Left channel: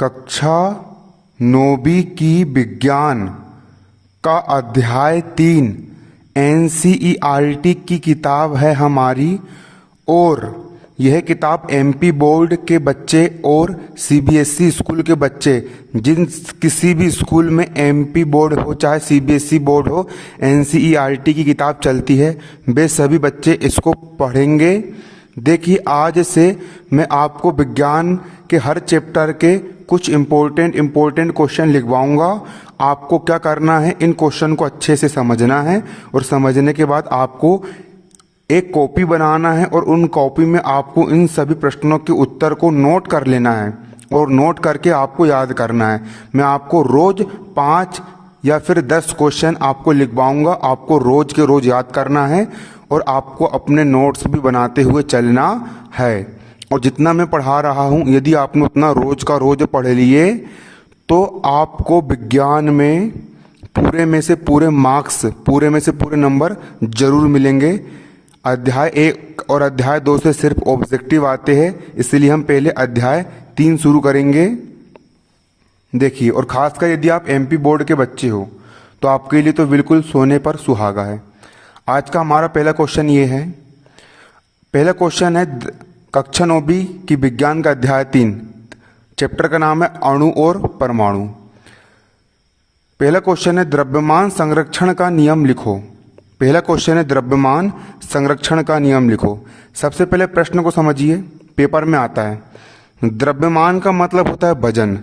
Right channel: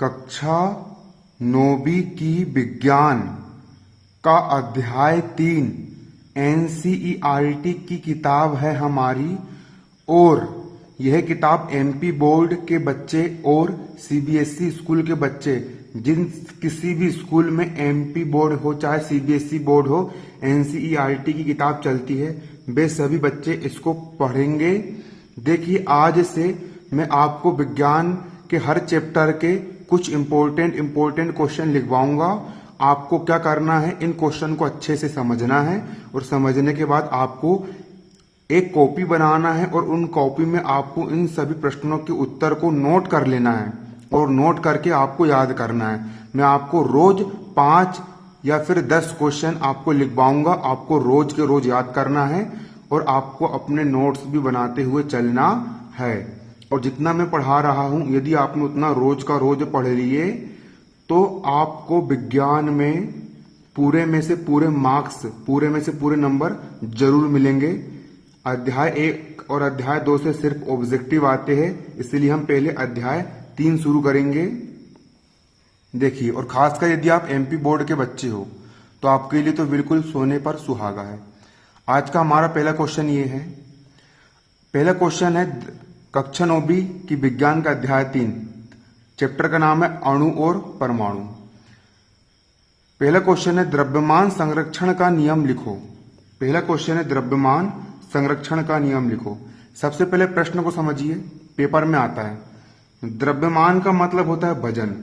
कक्षा 9वीं की विज्ञान का अध्याय 3 एनसीईआरटी की किताब है हमारी। और यह किताब एमपी बोर्ड के बच्चे और सीबीएसई स्कूल के बच्चे, जिन किसी भी स्कूल में एमपी बोर्ड हो चाहे सीबीएसई बोर्ड हो, एनसीईआरटी की किताब चलती है, वे सभी बच्चे इसको पढ़ेंगे। देखिए, आज से मैं आपको विज्ञान के हर चैप्टर के कुछ इम्पोर्टेंट क्वेश्चन लिखवाऊंगा। आपको क्या करना है, इन क्वेश्चन को अच्छे से समझना है और समझने के बाद आपको एक कॉपी बनाना है और उन कॉपी में आपको इन सभी प्रश्नों के उत्तर को नोट कर लेना है और नोट करके आपको याद करना है। मैं आपको रोज 5 या फिर 10 क्वेश्चन आपको लिखवाऊंगा। आपको रोज के रोज याद करना है और आपको अपने नोट्स भी बनाते हुए चलना है। और जितना मैं पढ़ा रहा हूं, यदि आपने उतना रोज का रोज पढ़ लिए तो आपको विज्ञान में पूरे में से पूरे मार्क्स, पूरे में से पूरे नंबर जरूर मिलेंगे। अध्याय 1 और अध्याय 2 से सिर्फ ऑब्जेक्टिव आते हैं, इसलिए हम पहले अध्याय 3 शुरू करेंगे। देखिए, और खासकर यदि आप एमपी बोर्ड के बच्चे हो तो आपके लिए तो बिल्कुल सोने पर सुहागा है। आज का हमारा पहला क्वेश्चन ये है। पहला क्वेश्चन है कक्षा 9वीं की विज्ञान का अध्याय 3, चैप्टर का नाम है अणु और परमाणु। पहला क्वेश्चन है द्रव्यमान संरक्षण का नियम लिखो। पहला क्वेश्चन है द्रव्यमान संरक्षण का नियम लिखो। सबसे पहले प्रश्न को समझिए, पेपर में आता है। द्रव्यमान का मतलब होता है वजन।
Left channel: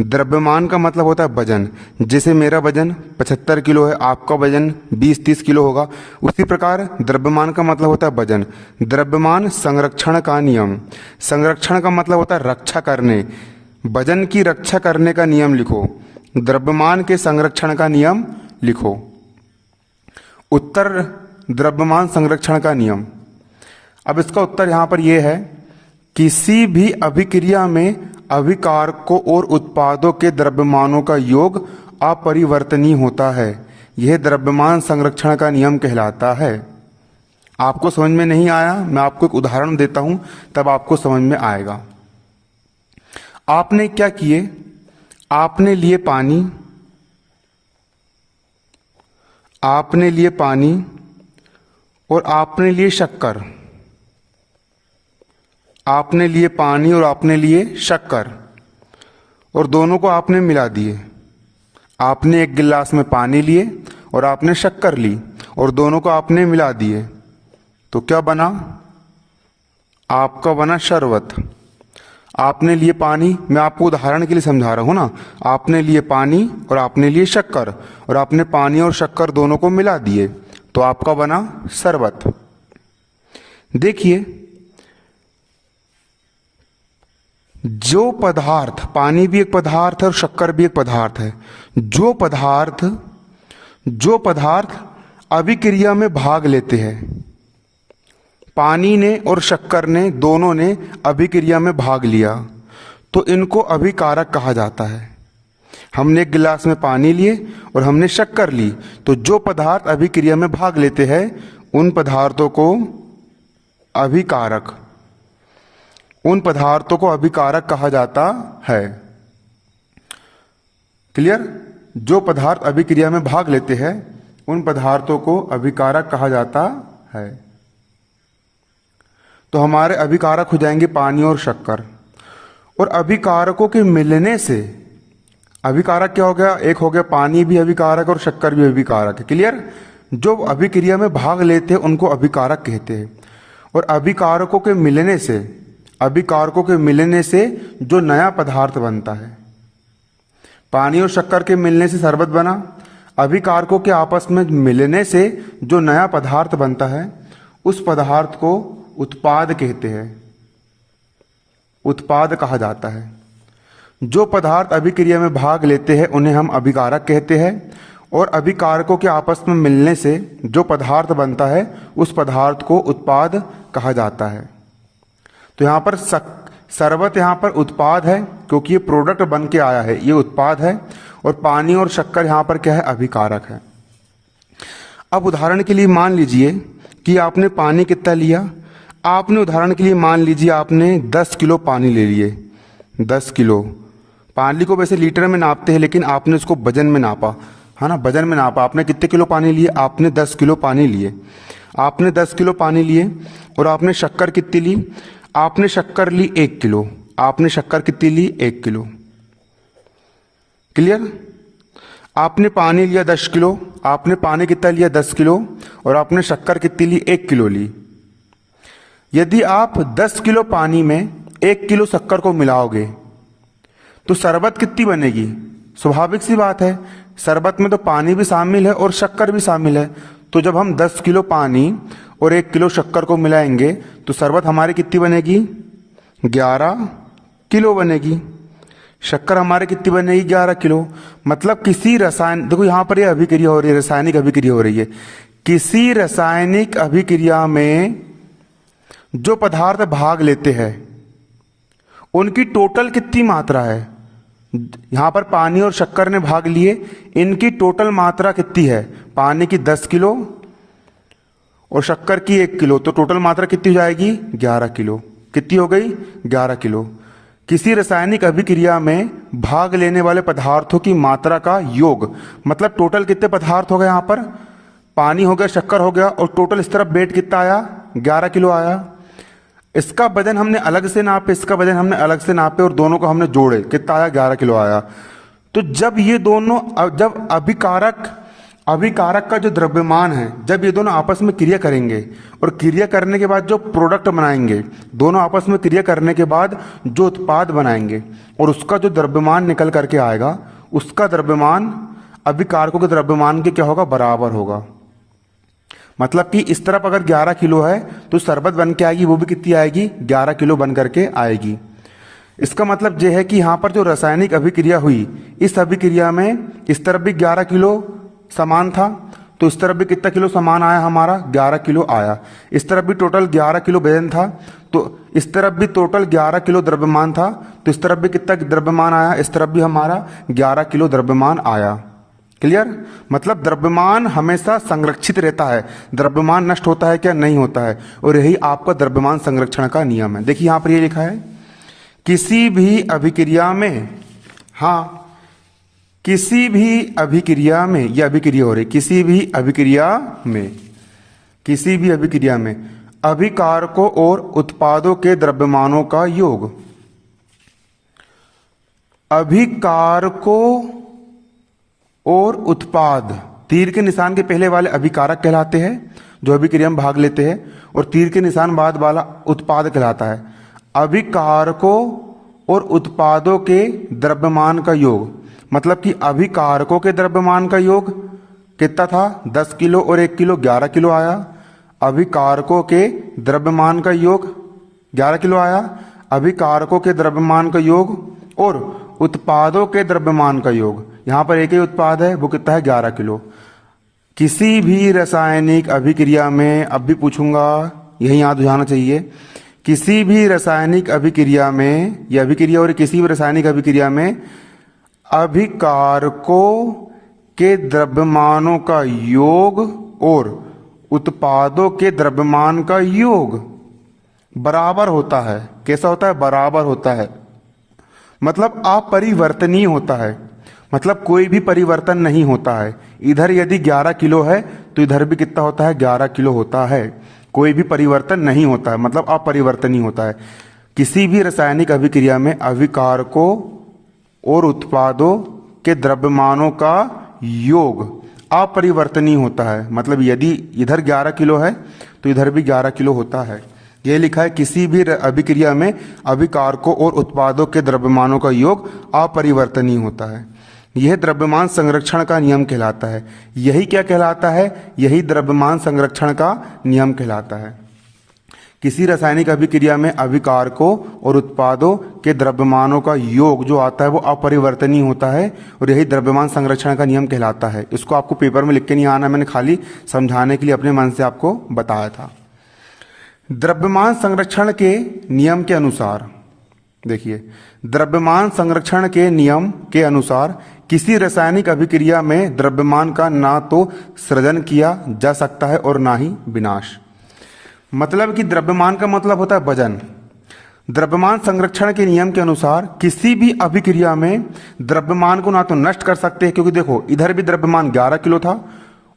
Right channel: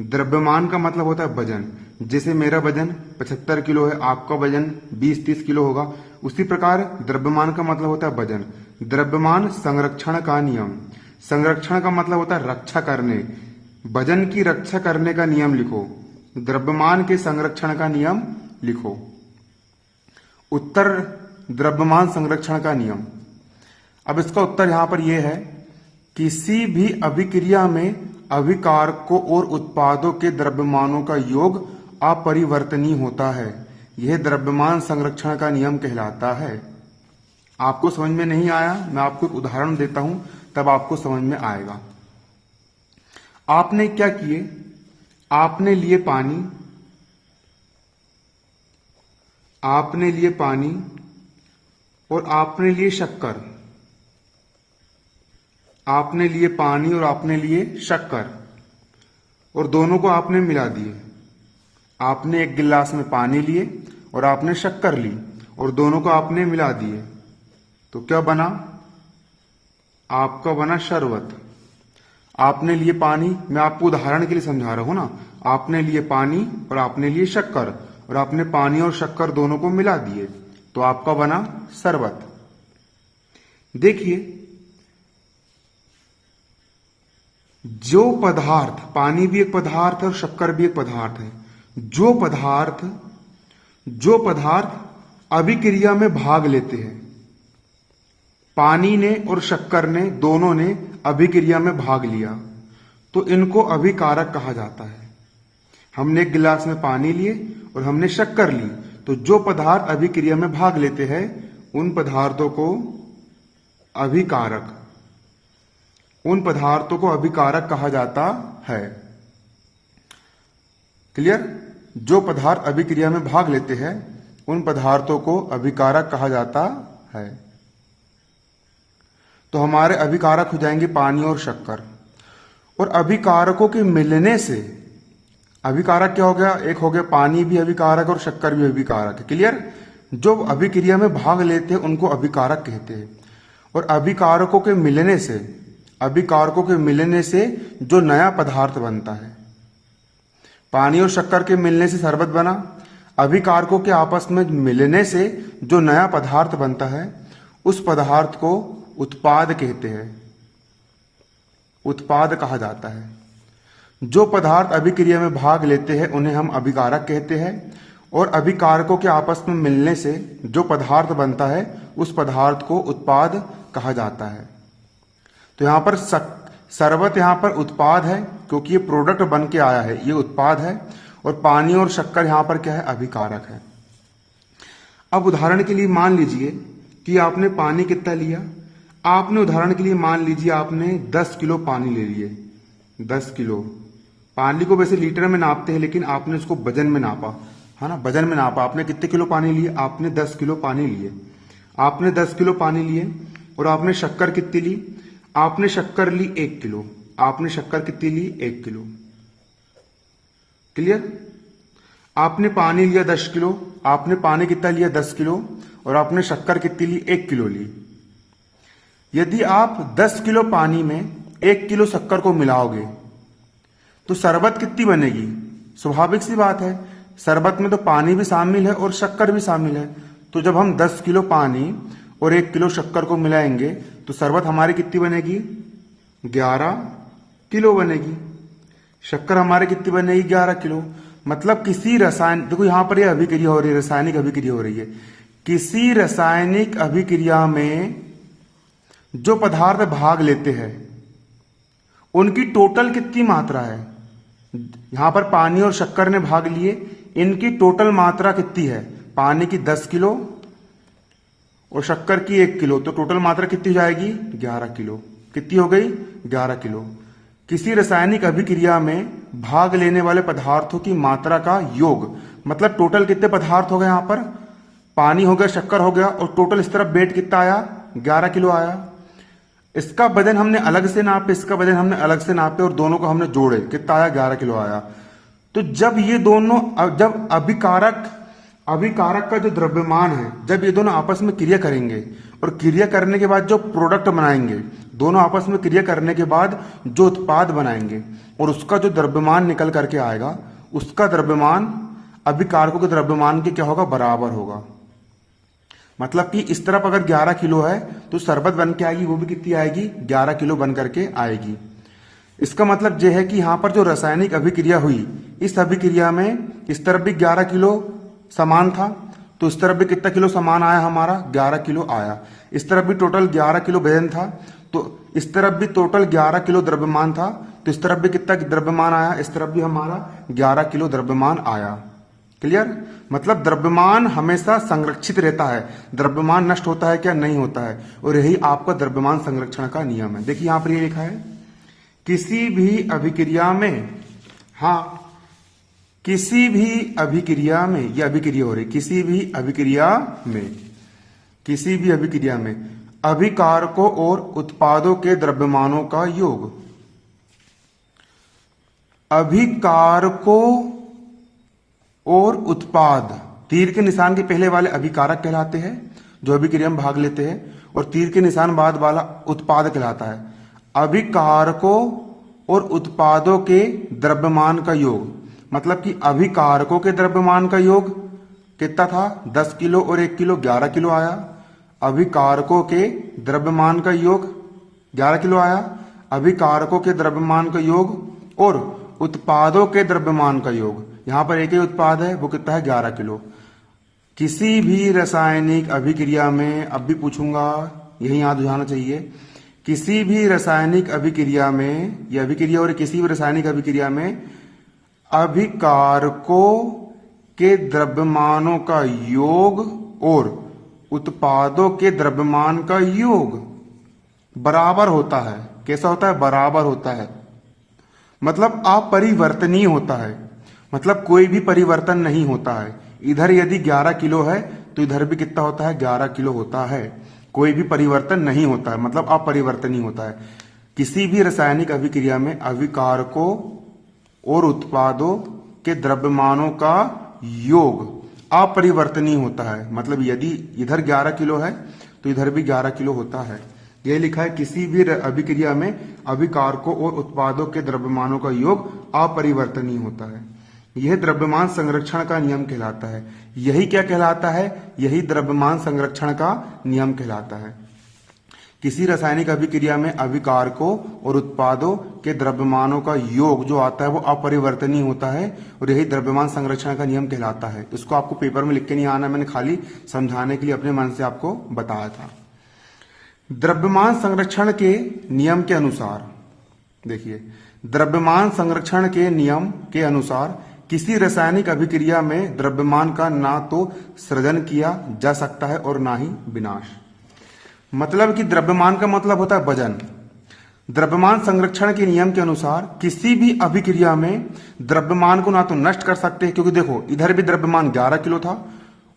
द्रव्यमान का मतलब होता है वजन। जैसे मेरा वजन 75 किलो है, आपका वजन 20-30 किलो होगा, उसी प्रकार द्रव्यमान का मतलब होता है वजन। द्रव्यमान संरक्षण का नियम। संरक्षण का मतलब होता है रक्षा करने। वजन की रक्षा करने का नियम लिखो। द्रव्यमान के संरक्षण का नियम लिखो। उत्तर द्रव्यमान संरक्षण का नियम। अब इसका उत्तर यहां पर यह है, किसी भी अभिक्रिया में अभिकारकों और उत्पादों के द्रव्यमानों का योग अपरिवर्तनीय होता है। यह द्रव्यमान संरक्षण का नियम कहलाता है। आपको समझ में नहीं आया, मैं आपको एक उदाहरण देता हूं, तब आपको समझ में आएगा। आपने क्या किए, आपने लिए पानी, आपने लिए पानी और आपने लिए शक्कर। आपने लिए पानी और आपने लिए शक्कर और दोनों को आपने मिला दिए। आपने एक गिलास में पानी लिए और आपने शक्कर ली और दोनों को आपने मिला दिए, तो क्या बना? आपका बना शरबत। आपने लिए पानी, मैं आपको उदाहरण के लिए समझा रहा हूं ना। आपने लिए पानी और आपने लिए शक्कर और आपने पानी और शक्कर दोनों को मिला दिए, तो आपका बना शरबत। देखिए, जो पदार्थ, पानी भी एक पदार्थ है और शक्कर भी एक पदार्थ है, जो पदार्थ अभिक्रिया में भाग लेते हैं, पानी ने और शक्कर ने, दोनों ने अभिक्रिया में भाग लिया, तो इनको अभिकारक कहा जाता है। हमने एक गिलास में पानी लिए और हमने शक्कर ली, तो जो पदार्थ अभिक्रिया में भाग लेते हैं उन पदार्थों को अभिकारक, उन पदार्थों को अभिकारक कहा जाता है। क्लियर? जो पदार्थ अभिक्रिया में भाग लेते हैं उन पदार्थों को अभिकारक कहा जाता है। तो हमारे अभिकारक हो जाएंगे पानी और शक्कर। और अभिकारकों के मिलने से, अभिकारक क्या हो गया? एक हो गया पानी भी अभिकारक और शक्कर भी अभिकारक है। क्लियर? जो अभिक्रिया में भाग लेते हैं उनको अभिकारक कहते हैं। और अभिकारकों के मिलने से, अभिकारकों के मिलने से जो नया पदार्थ बनता है, पानी और शक्कर के मिलने से शरबत बना, अभिकारकों के आपस में मिलने से जो नया पदार्थ बनता है उस पदार्थ को उत्पाद कहते हैं, उत्पाद कहा जाता है। जो पदार्थ अभिक्रिया में भाग लेते हैं उन्हें हम अभिकारक कहते हैं और अभिकारकों के आपस में मिलने से जो पदार्थ बनता है उस पदार्थ को उत्पाद कहा जाता है। तो यहां पर शरबत यहां पर उत्पाद है, क्योंकि ये प्रोडक्ट बन के आया है, ये उत्पाद है। और पानी और शक्कर यहां पर क्या है? अभिकारक है। अब उदाहरण के लिए मान लीजिए कि आपने पानी कितना लिया। आपने उदाहरण के लिए मान लीजिए आपने 10 किलो पानी ले लिए, 10 किलो। पानी को वैसे लीटर में नापते हैं, लेकिन आपने उसको वजन में नापा, है ना, वजन में नापा। आपने कितने किलो पानी लिए? आपने 10 किलो पानी लिए। आपने 10 किलो पानी लिए और आपने शक्कर कितनी ली? आपने शक्कर ली 1 किलो। आपने शक्कर कितनी ली? 1 किलो। क्लियर? आपने पानी लिया 10 किलो। आपने पानी कितना लिया? 10 किलो। और आपने शक्कर कितनी ली? 1 किलो ली। यदि आप 10 किलो पानी में 1 किलो शक्कर को मिलाओगे तो शरबत कितनी बनेगी? स्वाभाविक सी बात है, शरबत में तो पानी भी शामिल है और शक्कर भी शामिल है। तो जब हम 10 किलो पानी और 1 किलो शक्कर को मिलाएंगे तो शरबत हमारी कितनी बनेगी? 11 किलो बनेगी। शक्कर हमारे कितनी बनेगी? 11 किलो। मतलब किसी रसायन, देखो यहां पर ये अभिक्रिया हो रही है, रासायनिक अभिक्रिया हो रही है। किसी रासायनिक अभिक्रिया में जो पदार्थ भाग लेते हैं उनकी टोटल कितनी मात्रा है? यहां पर पानी और शक्कर ने भाग लिए, इनकी टोटल मात्रा कितनी है? पानी की 10 किलो और शक्कर की 1 किलो, तो टोटल मात्रा कितनी हो जाएगी? 11 किलो। कितनी हो गई? 11 किलो। किसी रासायनिक अभिक्रिया में भाग लेने वाले पदार्थों की मात्रा का योग, मतलब टोटल कितने पदार्थ हो गए? यहां पर पानी हो गया, शक्कर हो गया, और टोटल इस तरफ वेट कितना आया? 11 किलो आया। इसका वजन हमने अलग से नापे, इसका वजन हमने अलग से नापे, और दोनों को हमने जोड़े, कितना आया? 11 किलो आया। तो जब ये दोनों, जब अभिकारक का जो द्रव्यमान है, जब ये दोनों आपस में क्रिया करेंगे और क्रिया करने के बाद जो प्रोडक्ट बनाएंगे, दोनों आपस में क्रिया करने के बाद जो उत्पाद बनाएंगे और उसका जो द्रव्यमान निकल करके आएगा, उसका द्रव्यमान अभिकारकों के द्रव्यमान के क्या होगा? बराबर होगा। मतलब कि इस तरफ अगर 11 किलो है तो शरबत बन के आएगी, वो भी कितनी आएगी? 11 किलो बन करके आएगी। इसका मतलब यह है कि यहां पर जो रासायनिक अभिक्रिया हुई, इस अभिक्रिया में इस तरफ भी 11 किलो सामान था, तो इस तरफ भी कितना किलो सामान आया हमारा? 11 किलो आया। इस तरफ भी टोटल 11 किलो वजन था, तो इस तरफ भी टोटल 11 किलो द्रव्यमान था, तो इस तरफ भी कितना द्रव्यमान आया? इस तरफ भी हमारा 11 किलो द्रव्यमान आया। क्लियर? मतलब द्रव्यमान हमेशा संरक्षित रहता है। द्रव्यमान नष्ट होता है क्या? नहीं होता है। और यही आपका द्रव्यमान संरक्षण का नियम है। देखिए यहां पर ये लिखा है, किसी भी अभिक्रिया में, हाँ, किसी भी अभिक्रिया में, यह अभिक्रिया हो रही, किसी भी अभिक्रिया में अभिकारकों और उत्पादों के द्रव्यमानों का योग, अभिकारकों और उत्पाद, तीर के निशान के पहले वाले अभिकारक कहलाते हैं जो अभिक्रिया में भाग लेते हैं, और तीर के निशान बाद वाला उत्पाद कहलाता है। अभिकारकों और उत्पादों के द्रव्यमान का योग, मतलब कि अभिकारकों के द्रव्यमान का योग कितना था? 10 किलो और 1 किलो, 11 किलो आया। अभिकारकों के द्रव्यमान का योग 11 किलो आया। अभिकारकों के द्रव्यमान का योग और उत्पादों के द्रव्यमान का योग, यहां पर एक ही उत्पाद है, वो कितना है? 11 किलो। किसी भी रासायनिक अभिक्रिया में, अब भी पूछूंगा, यही याद हो जाना चाहिए, किसी भी रासायनिक अभिक्रिया में, यह अभिक्रिया और किसी भी रासायनिक अभिक्रिया में अभिकारकों के द्रव्यमानों का योग और उत्पादों के द्रव्यमान का योग बराबर होता है। कैसा होता है? बराबर होता है। मतलब अपरिवर्तनीय होता है। मतलब कोई भी परिवर्तन नहीं होता है। इधर यदि 11 किलो है तो इधर भी कितना होता है? 11 किलो होता है। कोई भी परिवर्तन नहीं होता है, मतलब अपरिवर्तनीय होता है। किसी भी रासायनिक अभिक्रिया में अभिकारकों और उत्पादों के द्रव्यमानों का योग अपरिवर्तनीय होता है। मतलब यदि इधर 11 किलो है तो इधर भी 11 किलो होता है। यह लिखा है, किसी भी अभिक्रिया में अभिकारकों और उत्पादों के द्रव्यमानों का योग अपरिवर्तनीय होता है। यह द्रव्यमान संरक्षण का नियम कहलाता है। यही क्या कहलाता है? यही द्रव्यमान संरक्षण का नियम कहलाता है। किसी रासायनिक अभिक्रिया में अभिकारकों और उत्पादों के द्रव्यमानों का योग जो आता है वो अपरिवर्तनीय होता है, और यही द्रव्यमान संरक्षण का नियम कहलाता है। इसको आपको पेपर में लिख के नहीं आना, मैंने खाली समझाने के लिए अपने मन से आपको बताया था। द्रव्यमान संरक्षण के नियम के अनुसार, देखिए, द्रव्यमान संरक्षण के नियम के अनुसार किसी रासायनिक अभिक्रिया में द्रव्यमान का ना तो सृजन किया जा सकता है और ना ही विनाश। मतलब कि द्रव्यमान का मतलब होता है वजन। द्रव्यमान संरक्षण के नियम के अनुसार किसी भी अभिक्रिया में द्रव्यमान को ना तो नष्ट कर सकते हैं, क्योंकि देखो इधर भी द्रव्यमान 11 किलो था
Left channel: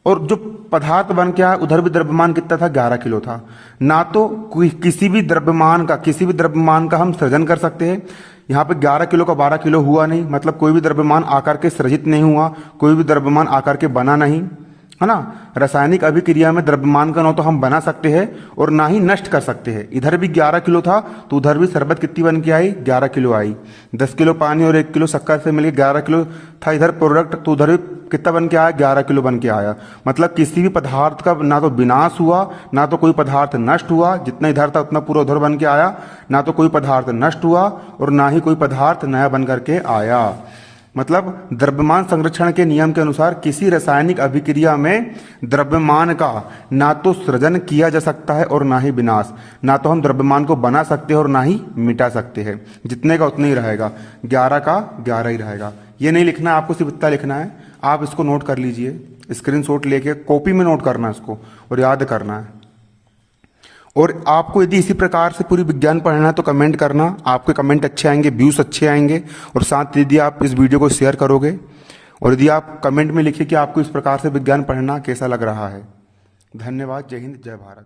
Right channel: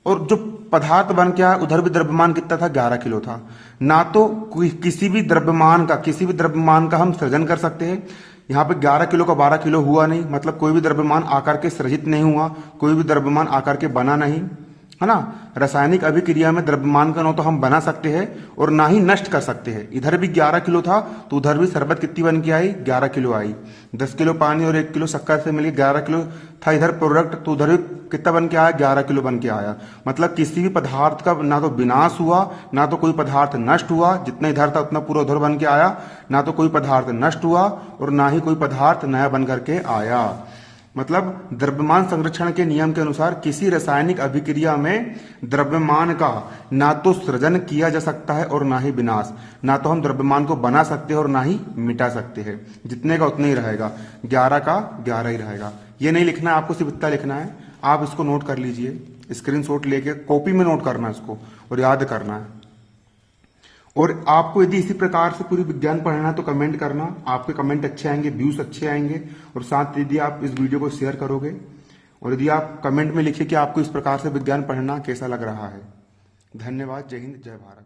और जो पदार्थ बन के आया उधर भी द्रव्यमान कितना था, 11 किलो था। ना तो किसी भी द्रव्यमान का हम सृजन कर सकते हैं। यहाँ पे 11 किलो का 12 किलो हुआ नहीं, मतलब कोई भी द्रव्यमान आकार के सृजित नहीं हुआ, कोई भी द्रव्यमान आकार के बना नहीं, है ना। रासायनिक अभिक्रिया में द्रव्यमान का ना तो हम बना सकते हैं और ना ही नष्ट कर सकते हैं। इधर भी 11 किलो था तो उधर भी शरबत कितनी बन के आई, 11 किलो आई। 10 किलो पानी और 1 किलो शक्कर से मिलकर 11 किलो था इधर प्रोडक्ट, तो उधर भी कितना बन के आया, 11 किलो बन के आया। मतलब किसी भी पदार्थ का ना तो विनाश हुआ, ना तो कोई पदार्थ नष्ट हुआ, जितना इधर था उतना पूरा उधर बन के आया, ना तो कोई पदार्थ नष्ट हुआ और ना ही कोई पदार्थ नया बन करके आया। मतलब द्रव्यमान संरक्षण के नियम के अनुसार किसी रासायनिक अभिक्रिया में द्रव्यमान का ना तो सृजन किया जा सकता है और ना ही विनाश। ना तो हम द्रव्यमान को बना सकते हैं और ना ही मिटा सकते हैं। जितने का उतना ही रहेगा, 11 का 11 ही रहेगा। ये नहीं लिखना है आपको, सिर्फ इतना लिखना है। आप इसको नोट कर लीजिए, स्क्रीनशॉट लेके कॉपी में नोट करना है इसको और याद करना है। और आपको यदि इसी प्रकार से पूरी विज्ञान पढ़ना है तो कमेंट करना, आपके कमेंट अच्छे आएंगे, व्यूज अच्छे आएंगे। और साथ यदि आप इस वीडियो को शेयर करोगे और यदि आप कमेंट में लिखिए कि आपको इस प्रकार से विज्ञान पढ़ना कैसा लग रहा है। धन्यवाद। जय हिंद, जय भारत।